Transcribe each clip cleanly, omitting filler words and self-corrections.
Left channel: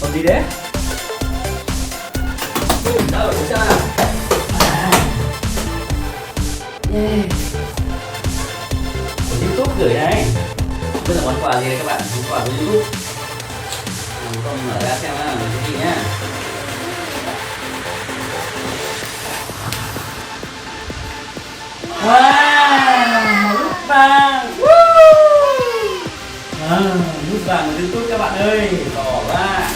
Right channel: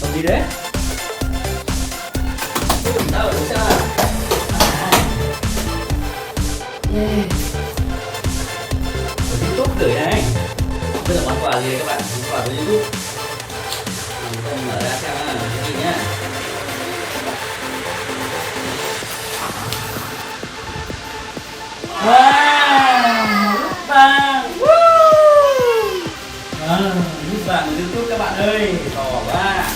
Còn gì đấy? Đâu rồi sao? YouTube gửi này. Đây là món quà gì các bạn? Món quà của YouTube. Con mở ra xem là cái gì nhá. Wow, nút vàng. Nút vàng của YouTube các bạn ơi, to quá.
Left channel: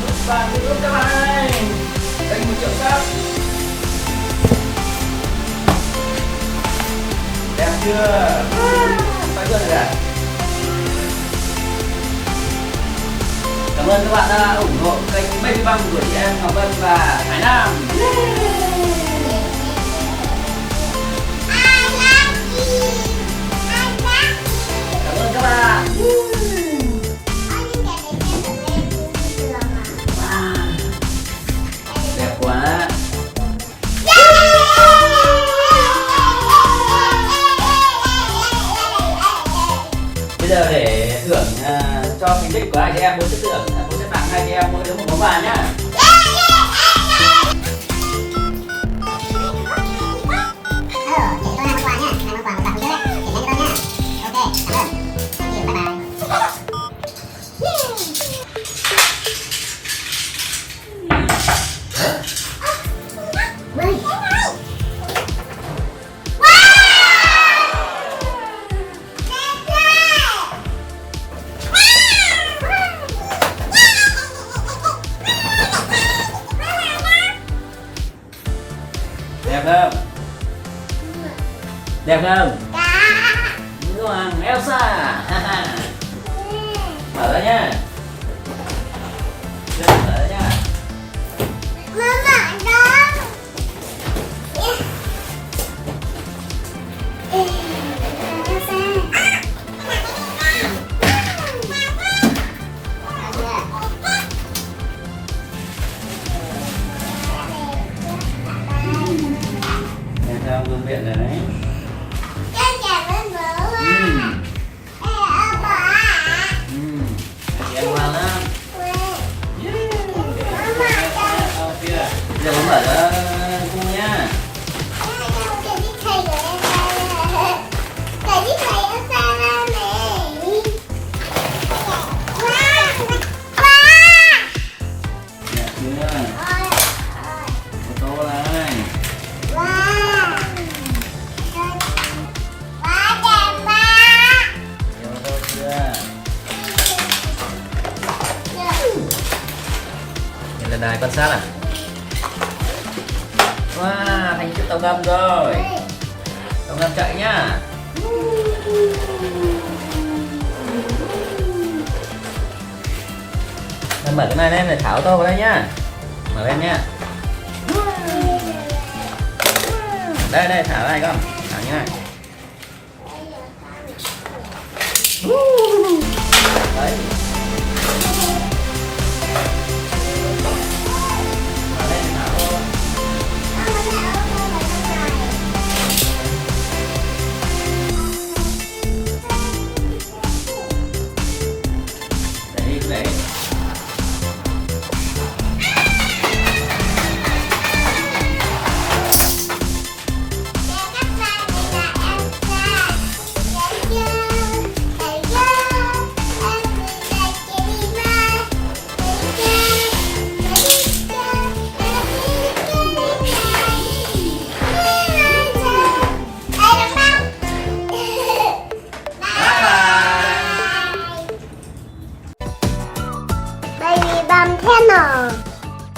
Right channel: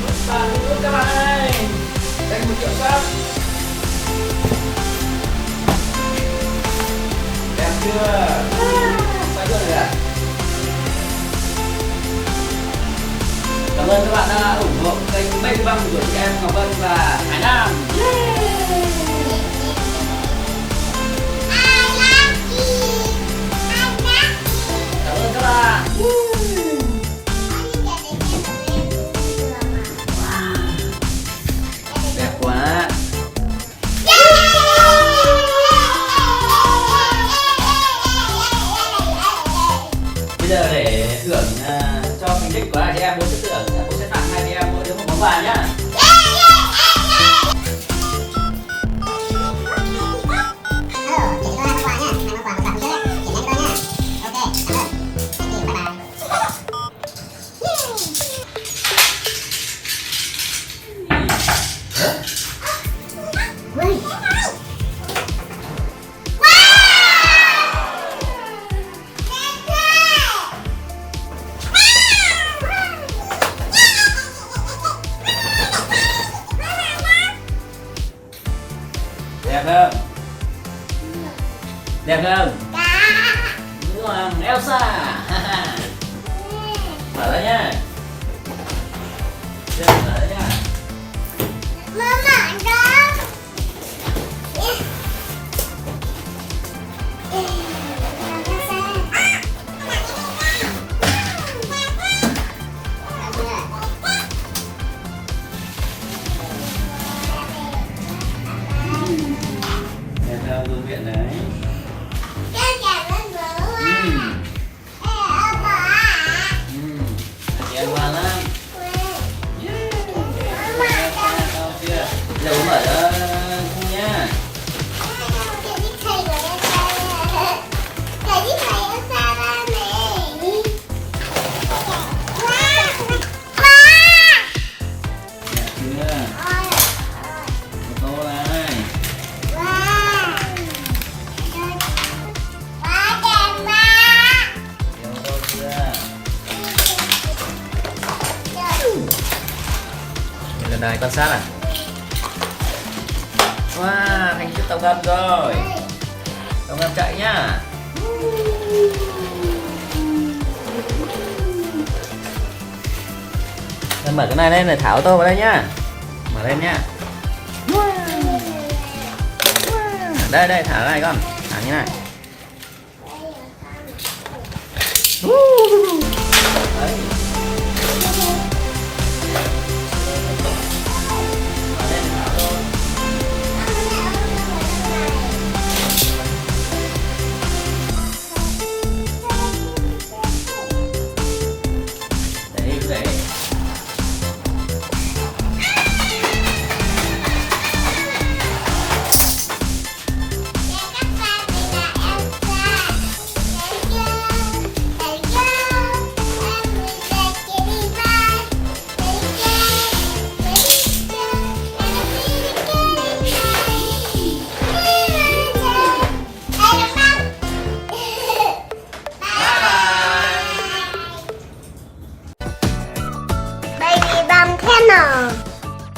Nút vàng của YouTube các bạn ơi. Đây 1 triệu sub. Đẹp chưa? Phải chưa rồi à? Cảm ơn các bạn đã ủng hộ kênh BaBiBum của chị em Ngọc Vân và Hải Nam. Cảm ơn các bạn. Đẹp quá. Bây giờ để thưởng cho thành tích của hai chị em, bố sẽ tặng hai chị em mỗi đứa 1 món quà nhá. Đẹp không? Đẹp không? Nữ hoàng Elsa. Mở ra nhá. Mở ra nhá. Mama đó. Đẹp không? Dùng miệng đấy. Chị ăn ngon lắm. Giờ muốn mở ra không nhá. Đẹp chưa? Tô này. Lần này con sát à? Wow, thành chiếc tàu ngầm rồi. Tàu ngầm chạy nhá. Mình mở cái này lên để thả ô tô vào đây nhá. Mở lên nhá. Đây thả này con. Thả như này.